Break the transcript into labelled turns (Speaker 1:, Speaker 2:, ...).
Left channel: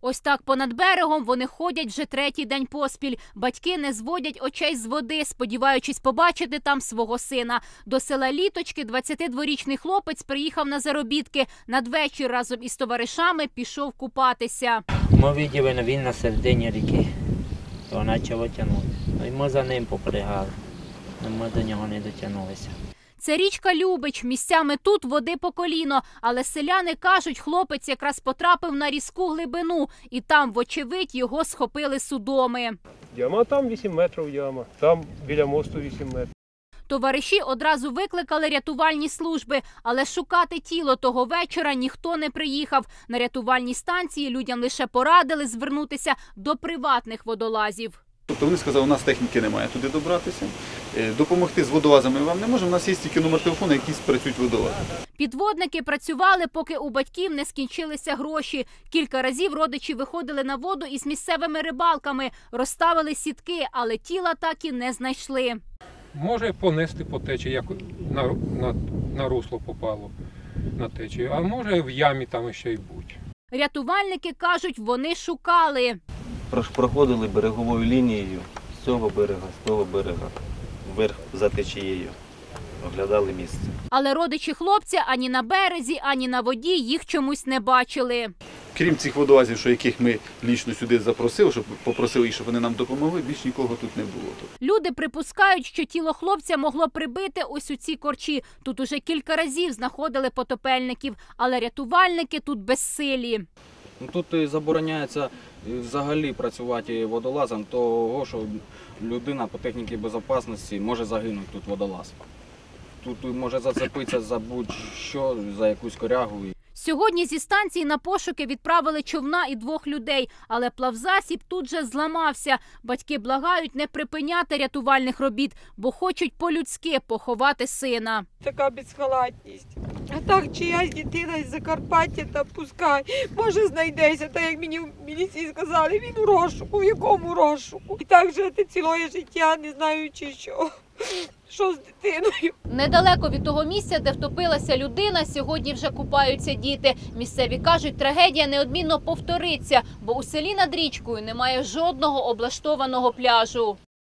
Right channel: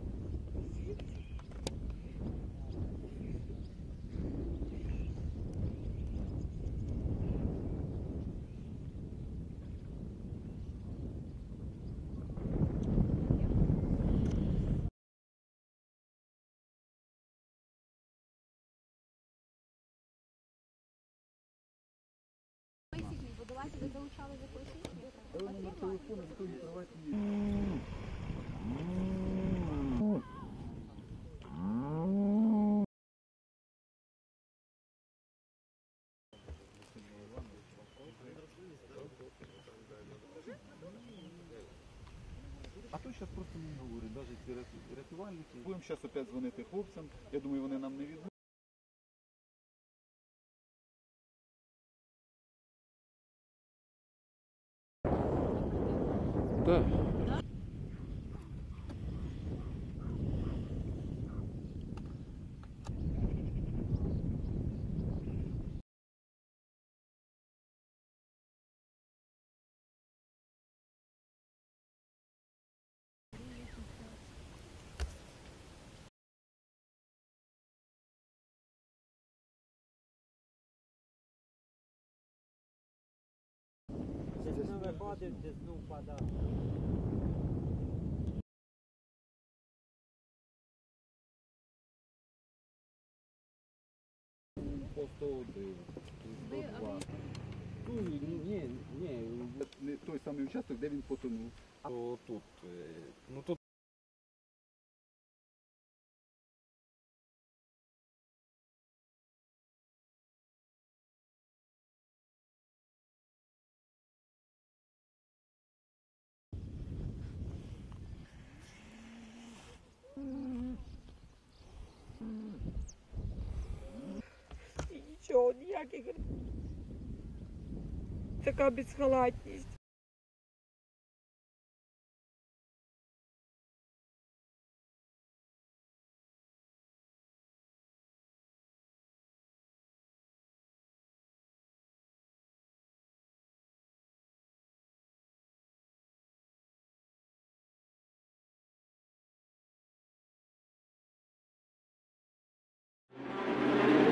Speaker 1: Ось так понад берегом вони ходять вже третій день поспіль. Батьки не зводять очей з води, сподіваючись побачити там свого сина. До села Літочки 22-річний хлопець приїхав на заробітки. Надвечір разом із товаришами пішов купатися.
Speaker 2: Ми бачили, він на середині ріки, то почав тягнути. І ми за ним попригали, ми до нього не дотягнулися.
Speaker 1: Це річка Любич. Місцями тут води по коліно. Але селяни кажуть, хлопець якраз потрапив на різку глибину. І там, вочевидь, його схопили судоми.
Speaker 3: Яма там 8 метрів яма, там біля мосту 8 метрів.
Speaker 1: Товариші одразу викликали рятувальні служби, але шукати тіло того вечора ніхто не приїхав. На рятувальній станції людям лише порадили звернутися до приватних водолазів.
Speaker 4: Тобто вони сказали, у нас техніки немає туди добратися, допомогти з водолазами вам не можемо, у нас є тільки номер телефону, які працюють водолази.
Speaker 1: Підводники працювали, поки у батьків не скінчилися гроші. Кілька разів родичі виходили на воду із місцевими рибалками, розставили сітки, але тіла так і не знайшли.
Speaker 5: Може понести по течії, як на русло попало на течію, а може в ямі там ще й бути.
Speaker 1: Рятувальники кажуть, вони шукали.
Speaker 6: Проходили береговою лінією з цього берега, з того берега, вверх за течією, оглядали місце.
Speaker 1: Але родичі хлопця ані на березі, ані на воді їх чомусь не бачили.
Speaker 4: Крім цих водолазів, що яких ми лічно сюди запросили, щоб попросили їх, щоб вони нам допомогли, більш нікого тут не було.
Speaker 1: Люди припускають, що тіло хлопця могло прибити ось у ці корчі. Тут уже кілька разів знаходили потопельників, але рятувальники тут безсилі.
Speaker 7: Тут забороняється взагалі працювати водолазом, того, що людина по техніці безпечності може загинути тут водолаз. Тут може зацепитися за будь-що, за якусь корягу.
Speaker 1: Сьогодні зі станції на пошуки відправили човна і 2 людей, але плавзасіб тут же зламався. Батьки благають не припиняти рятувальних робіт, бо хочуть по-людськи поховати сина.
Speaker 8: Така безхалатність. А так чиясь дитина із Закарпаття, та пускай, може знайдеться, так як мені в міліції сказали, він у розшуку, в якому розшуку. І так жити ціле життя, не знаючи що з дитиною.
Speaker 1: Недалеко від того місця, де втопилася людина, сьогодні вже купаються діти. Місцеві кажуть, трагедія неодмінно повториться, бо у селі над річкою немає жодного облаштованого пляжу.